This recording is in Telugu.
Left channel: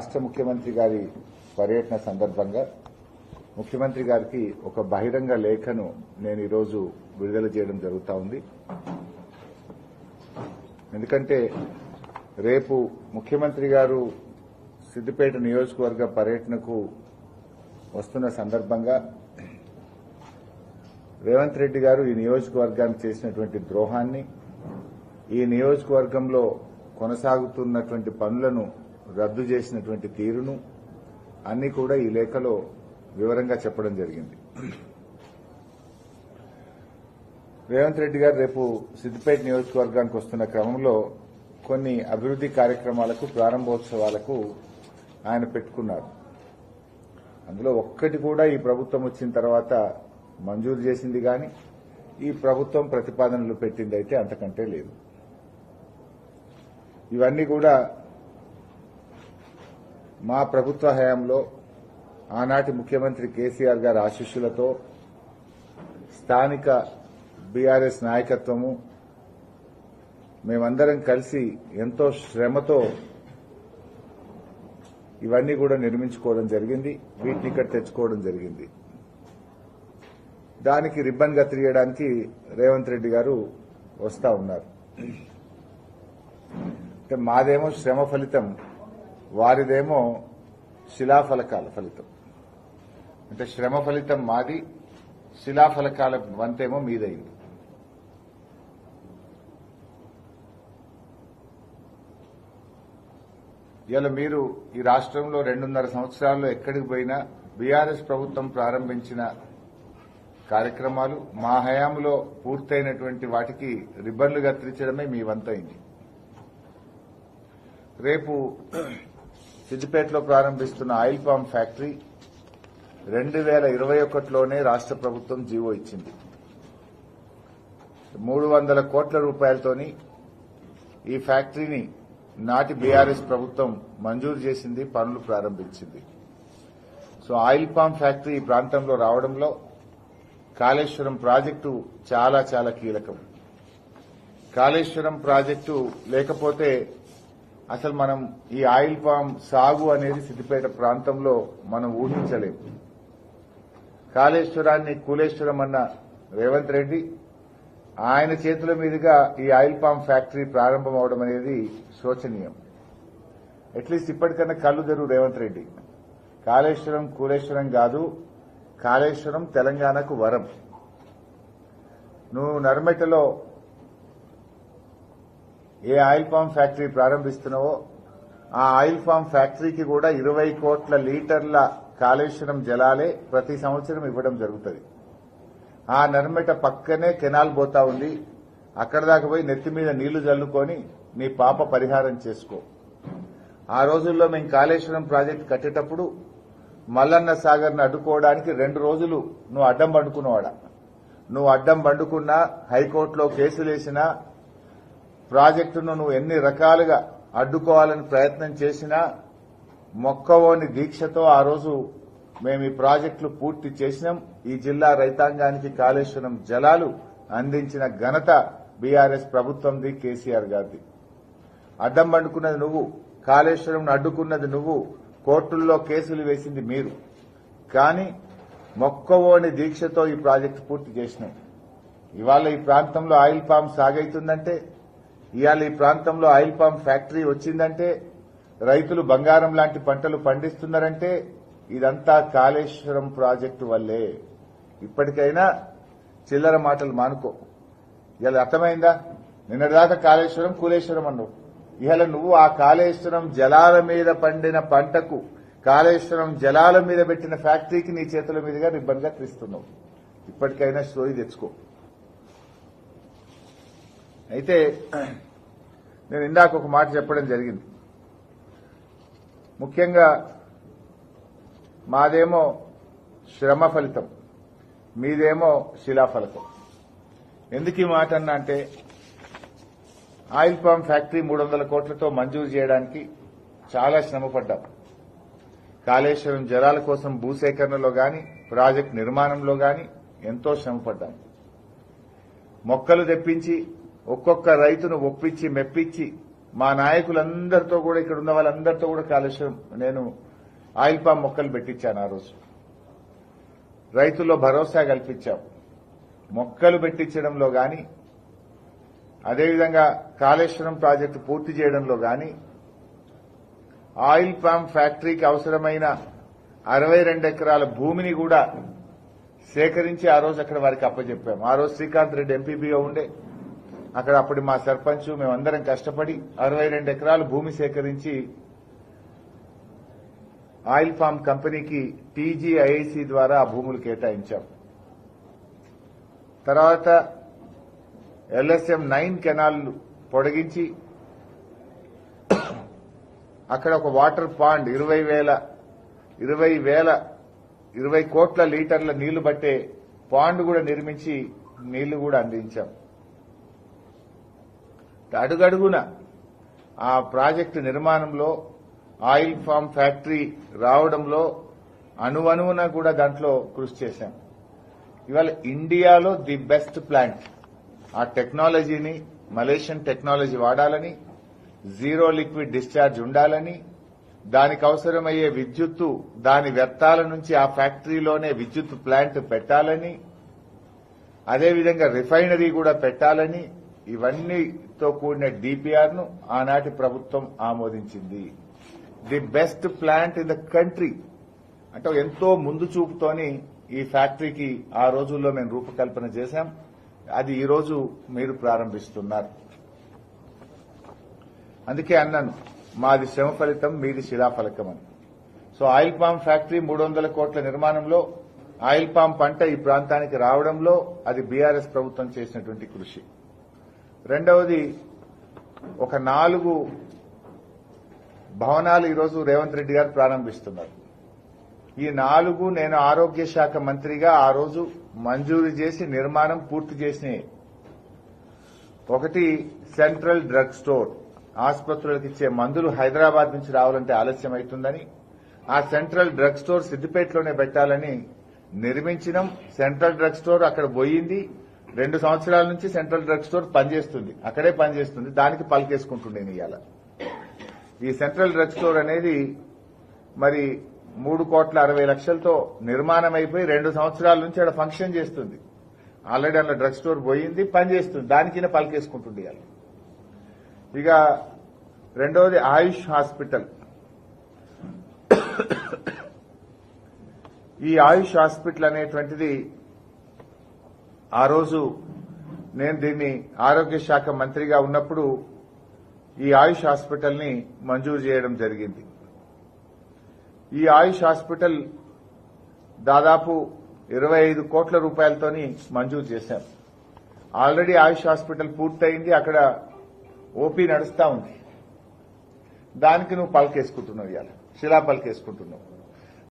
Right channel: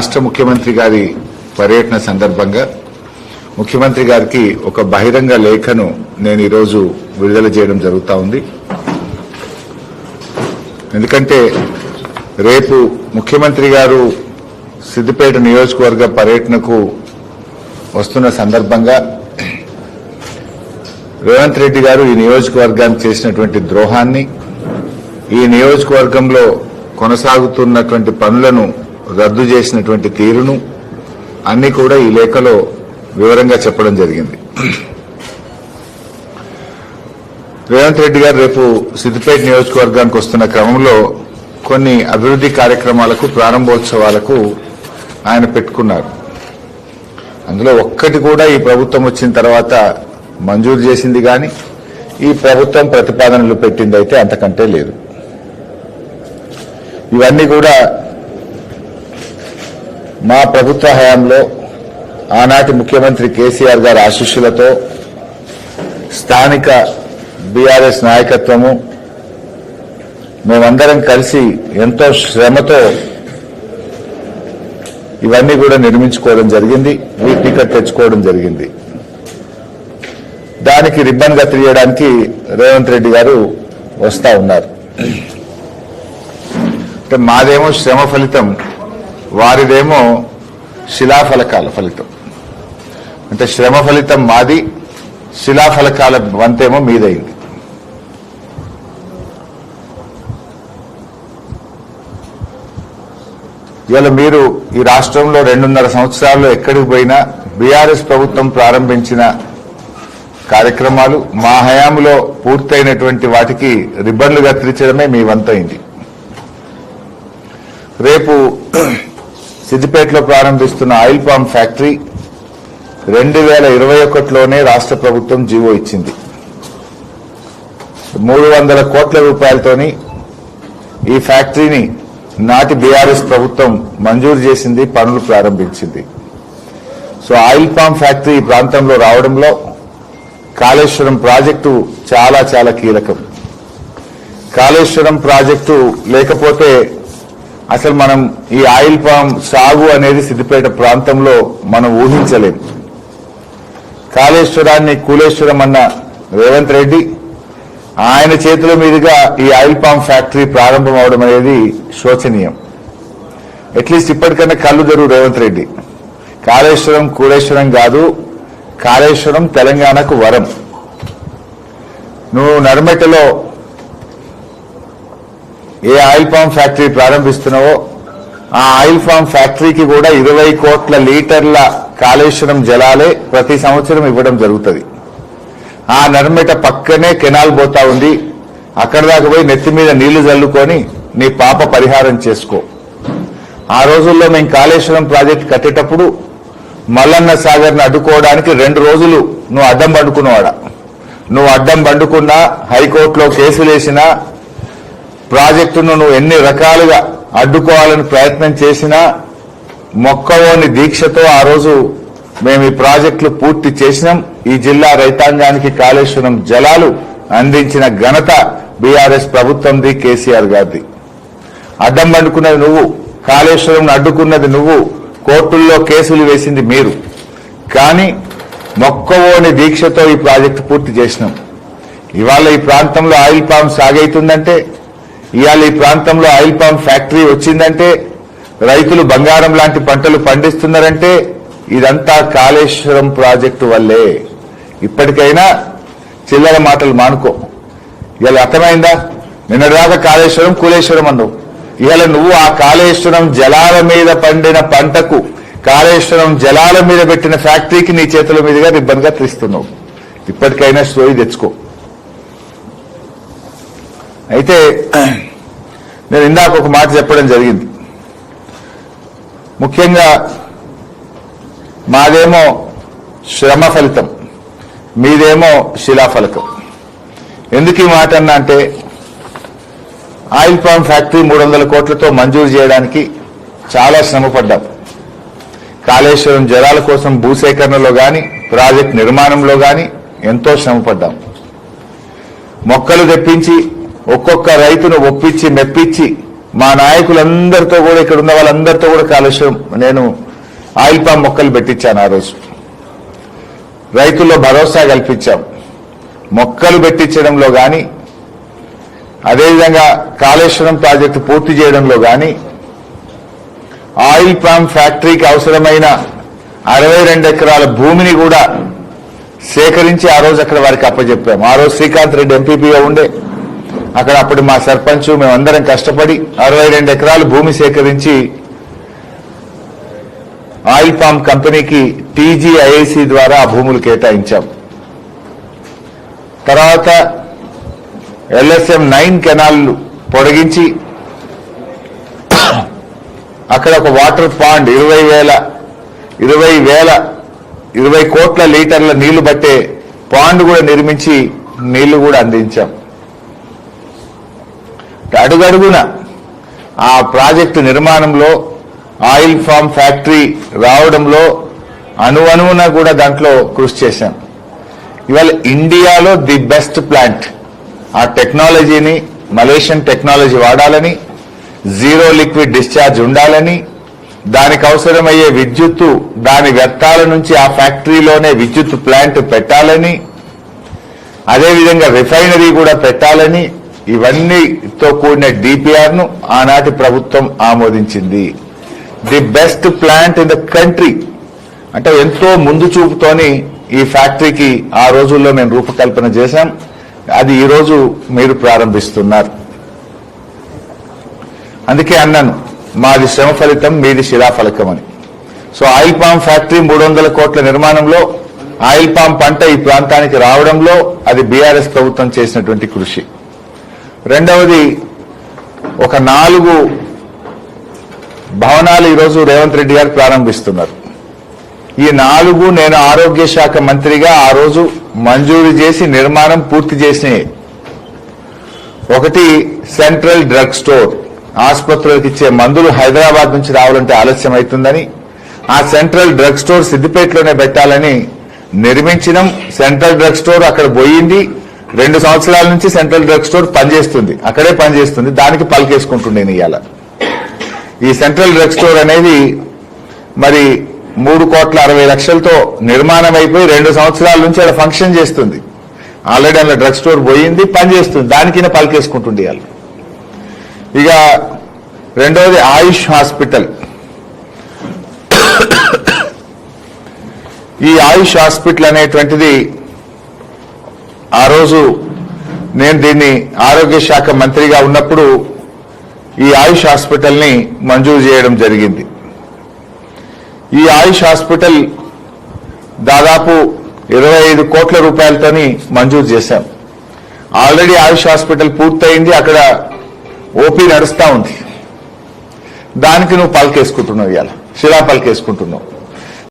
రాష్ట్ర ముఖ్యమంత్రి గారి పర్యటన సందర్భంగా ముఖ్యమంత్రి గారికి ఒక బహిరంగ లేఖను నేను ఈరోజు విడుదల చేయడం జరుగుతూ ఉంది. ఎందుకంటే రేపు ముఖ్యమంత్రి గారు సిద్దిపేట నియోజకవర్గ పర్యటనకు వస్తున్న సందర్భంగా రేవంత్ రెడ్డి గారు ఈ నియోజకవర్గానికి చేసినటువంటి ద్రోహాన్ని, ఈ నియోజకవర్గంలో కొనసాగుతున్నటువంటి పనులను రద్దు చేసినటువంటి తీరును అన్ని కూడా ఈ లేఖలో వివరంగా చెప్పడం జరిగింది. రేవంత్ రెడ్డి గారు రేపు సిద్దిపేట నియోజకవర్గానికి వస్తున్న క్రమంలో కొన్ని అభివృద్ధి కార్యక్రమాలకు, ప్రారంభోత్సవాలకు ఆయన పెట్టుకున్నారు. అందులో ఒక్కటి కూడా ఈ ప్రభుత్వం వచ్చిన తర్వాత మంజూరు చేసింది కానీ ఈ ప్రభుత్వం ప్రతిపాదనలు పెట్టిందైతే అంతకంటే లేదు. ఇవన్నీ కూడా మా ప్రభుత్వ హయాంలో ఆనాటి ముఖ్యమంత్రి కేసీఆర్ గారి ఆశీస్సులతో, స్థానిక బీఆర్ఎస్ నాయకత్వము, మేమందరం కలిసి ఎంతో శ్రమతో ఇవన్నీ కూడా నిర్మించుకోవడం జరిగింది, వీటిని తెచ్చుకోవడం జరిగింది. దానికి రిబ్బన్ కత్తిరియడానికి రేవంత్ రెడ్డి గారు వస్తా ఉన్నారు. అంటే మాదేమో శ్రమ ఫలితం, వారిదేమో శిలాఫలకాల ఫలితం. అంటే శ్రమ ఫలితం మాది, శిలాఫలకాల వంతేమో మీదైంది. ఇవాళ మీరు ఈ రాష్ట్రంలో 2.5 సంవత్సరాల్లో ఎక్కడికి పోయినా బీఆర్ఎస్ ప్రభుత్వం ప్రారంభించిన కార్యక్రమాలు, మా హయాంలో పూర్తయినటువంటి వాటికి రిబ్బన్లు కత్తిరించడమే మీ వంతైంది. రేపు సిద్దిపేటలో ప్రారంభిస్తున్న ఆయిల్ పామ్ ఫ్యాక్టరీ 2021లోనే రాష్ట్ర ప్రభుత్వం జీవో ఇచ్చింది. 300 కోట్ల రూపాయలతోని ఈ ఫ్యాక్టరీని నాటి బీఆర్ఎస్ ప్రభుత్వం మంజూరు చేసింది, పనులు ప్రారంభించింది. సో ఆయిల్ పామ్ ఫ్యాక్టరీ ఈ ప్రాంతంలో రావడంలో కాళేశ్వరం ప్రాజెక్టు చాలా చాలా కీలకం. కాళేశ్వరం ప్రాజెక్టు లేకపోతే అసలు మనం ఈ ఆయిల్ పామ్ సాగు అనేది సిద్దిపేట ప్రాంతంలో మనం ఊహించలేం. కాళేశ్వరాన్ని కూలేశ్వరం అన్న రేవంత్ రెడ్డి, ఆయన చేతుల మీదుగా ఈ ఆయిల్ పామ్ ఫ్యాక్టరీ ప్రారంభం అవడం అనేది శోచనీయం. అట్లీస్ట్ ఇప్పటికన్నా కళ్ళు తెరువు రేవంత్ రెడ్డి. కాళేశ్వరం కూలేశ్వరం కాదు, కాళేశ్వరం తెలంగాణకు వరం. నువ్వు నర్మెటలో ఏ ఆయిల్ పామ్ ఫ్యాక్టరీ ప్రారంభిస్తున్నావో ఆ ఆయిల్ పామ్ ఫ్యాక్టరీకి కూడా 20 కోట్ల లీటర్ల కాళేశ్వరం జలాలే ప్రతి సంవత్సరం ఇవ్వడం జరుగుతుంది. ఆ నర్మెట పక్కనే కెనాల్ పోతా ఉంది. అక్కడ దాకా పోయి నెత్తి మీద నీళ్లు చల్లుకొని నీ పాప పరిహారం చేసుకో. ఆ రోజుల్లో మేము కాళేశ్వరం ప్రాజెక్టు కట్టేటప్పుడు మల్లన్న సాగర్ను అడ్డుకోవడానికి 2 రోజులు నువ్వు అడ్డం పండుకున్నవాడా. నువ్వు అడ్డం పండుకున్నా, హైకోర్టులో కేసులు వేసినా, ప్రాజెక్టును నువ్వు ఎన్ని రకాలుగా అడ్డుకోవాలని ప్రయత్నం చేసినా, మొక్కలోని దీక్షతో ఆ రోజు మేము ఈ ప్రాజెక్టులు పూర్తి చేసినాం. ఈ జిల్లా రైతాంగానికి కాళేశ్వరం జలాలు అందించిన ఘనత బీఆర్ఎస్ ప్రభుత్వంది, కేసీఆర్ గారిది. అడ్డం పండుకున్నది నువ్వు, కాళేశ్వరం అడ్డుకున్నది నువ్వు, కోర్టుల్లో కేసులు వేసింది మీరు. కానీ మొక్కవోని దీక్షతో ఈ ప్రాజెక్టు పూర్తి చేసినాం. ఇవాళ ఈ ప్రాంతంలో ఆయిల్ పామ్ సాగైతుందంటే, ఇవాళ ఈ ప్రాంతంలో ఆయిల్ పామ్ ఫ్యాక్టరీ వచ్చిందంటే, రైతులు బంగారం లాంటి పంటలు పండిస్తున్నారంటే ఇదంతా కాళేశ్వరం ప్రాజెక్టు వల్లే. ఇప్పటికైనా చిల్లర మాటలు మానుకో. ఇవాళ అర్థమైందా? నిన్నదాకా కాళేశ్వరం కూలేశ్వరం అన్నావు. ఇవాళ నువ్వు ఆ కాళేశ్వరం జలాల మీద పండిన పంటకు, కాళేశ్వరం జలాల మీద పెట్టిన ఫ్యాక్టరీకి నీ చేతుల మీదుగా రిబ్బన్ గా తీస్తున్నావు. ఇప్పటికైనా స్టోరీ తెచ్చుకో. అయితే నేను ఇందాక ఒక మాట చెప్పడం జరిగింది. ముఖ్యంగా మాదేమో శ్రమ ఫలితం, మీదేమో శిలాఫలకం. ఎందుకు ఈ మాట అన్నా అంటే, ఆయిల్ పామ్ ఫ్యాక్టరీ 300 కోట్లతో మంజూరు చేయడానికి చాలా శ్రమపడ్డాం. కాళేశ్వరం జలాల కోసం భూసేకరణలో గాని, ప్రాజెక్ట్ నిర్మాణంలో గాని ఎంతో శ్రమపడ్డాం. మొక్కలు తెప్పించి ఒక్కొక్క రైతును ఒప్పించి మెప్పించి మా నాయకులందరితో కూడా, ఇక్కడ ఉన్న వాళ్ళందరితో కూడా కాలుష్యం, నేను ఆయిల్ పామ్ మొక్కలు పెట్టించాను. ఆ రోజు రైతుల్లో భరోసా కల్పించాం. మొక్కలు పెట్టించడంలో కానీ, అదేవిధంగా కాళేశ్వరం ప్రాజెక్టు పూర్తి చేయడంలో కానీ, ఆయిల్ పామ్ ఫ్యాక్టరీకి అవసరమైన 62 ఎకరాల భూమిని కూడా సేకరించి ఆ రోజు అక్కడ వారికి అప్పచెప్పాము. ఆ రోజు శ్రీకాంత్ రెడ్డి ఎంపీపీగా ఉండే, అక్కడ అప్పుడు మా సర్పంచ్ మేమందరం కష్టపడి 62 ఎకరాల భూమి సేకరించి ఆయిల్ పామ్ కంపెనీకి టీజీఐఐసి ద్వారా ఆ భూములు కేటాయించాం. తర్వాత LSM 9 కెనాల్లు పొడిగించి అక్కడ ఒక వాటర్ పాండ్ 20 కోట్ల లీటర్ల నీళ్లు పట్టే పాండ్ కూడా నిర్మించి నీళ్లు కూడా అందించాం. అడుగడుగున ఆ ప్రాజెక్టు నిర్మాణంలో, ఆయిల్ ఫామ్ ఫ్యాక్టరీ రావడంలో అణువణువున కూడా దాంట్లో కృషి చేశాం. ఇవాళ ఇండియాలో ది బెస్ట్ ప్లాంట్, ఆ టెక్నాలజీని మలేషియన్ టెక్నాలజీ వాడాలని, జీరో లిక్విడ్ డిశ్చార్జ్ ఉండాలని, దానికి అవసరమయ్యే విద్యుత్తు దాని వ్యర్థాల నుంచి ఆ ఫ్యాక్టరీలోనే విద్యుత్ ప్లాంట్ పెట్టాలని, అదేవిధంగా రిఫైనరీ కూడా పెట్టాలని, ఇవన్నీతో కూడిన డిపిఆర్ ను ఆనాటి ప్రభుత్వం ఆమోదించింది. The best plant in the country అంటే ఎంతో ముందు చూపుతోని ఈ ఫ్యాక్టరీకి ఆ రోజుల్లో మేము రూపకల్పన చేశాం. అది ఈ రోజు మీరు ప్రారంభిస్తున్నారు. అందుకే అన్నాను, మాది శ్రమ ఫలితం, మీది శిలాఫలకం అని. సో ఆయిల్ పామ్ ఫ్యాక్టరీ 300 కోట్ల నిర్మాణంలో, ఆయిల్ పామ్ పంట ఈ ప్రాంతానికి రావడంలో అది బీఆర్ఎస్ ప్రభుత్వం చేసినటువంటి కృషి. రెండవది, ఒక 4 భవనాలు ఈరోజు రేవంత్ రెడ్డి గారు ప్రారంభిస్తున్నారు. ఈ 4 నేను ఆరోగ్య శాఖ మంత్రిగా ఆ రోజు మంజూరు చేసి నిర్మాణం పూర్తి చేసినాయి. ఒకటి సెంట్రల్ డ్రగ్ స్టోర్, ఆసుపత్రులకు ఇచ్చే మందులు హైదరాబాద్ నుంచి రావాలంటే ఆలస్యం అవుతుందని ఆ సెంట్రల్ డ్రగ్ స్టోర్ సిద్దిపేటలోనే పెట్టాలని నిర్మించినాం. సెంట్రల్ డ్రగ్ స్టోర్ అక్కడ పోయింది. 2 సంవత్సరాల నుంచి సెంట్రల్ డ్రగ్ స్టోర్ పనిచేస్తుంది, అక్కడే పనిచేస్తుంది. దానికి పలికేసుకుంటుండే ఇవాళ. ఈ సెంట్రల్ డ్రగ్ స్టోర్ అనేది మరి 3,60,00,000తో నిర్మాణం అయిపోయి 2 సంవత్సరాల నుంచి అక్కడ ఫంక్షన్ చేస్తుంది. ఆల్రెడీ అలా డ్రగ్ స్టోర్ పోయింది, పనిచేస్తుంది. దానికినే పలికేసుకుంటుండే ఇవాళ. ఇక రెండవది ఆయుష్ హాస్పిటల్. ఈ ఆయుష్ హాస్పిటల్ అనేటువంటిది ఆ రోజు నేను దీన్ని ఆరోగ్య శాఖ మంత్రిగా ఉన్నప్పుడు ఈ ఆయుష్ హాస్పిటల్ని మంజూరు చేయడం జరిగింది. ఈ ఆయుష్ హాస్పిటల్ దాదాపు 25 కోట్ల రూపాయలతోని మంజూరు చేశాం. ఆల్రెడీ ఆయుష్ హాస్పిటల్ పూర్తయింది, అక్కడ ఓపీ నడుస్తా ఉంది. దానికి నువ్వు పలికేసుకుంటున్నావు, ఇవాళ శిలా పలికేసుకుంటున్నావు.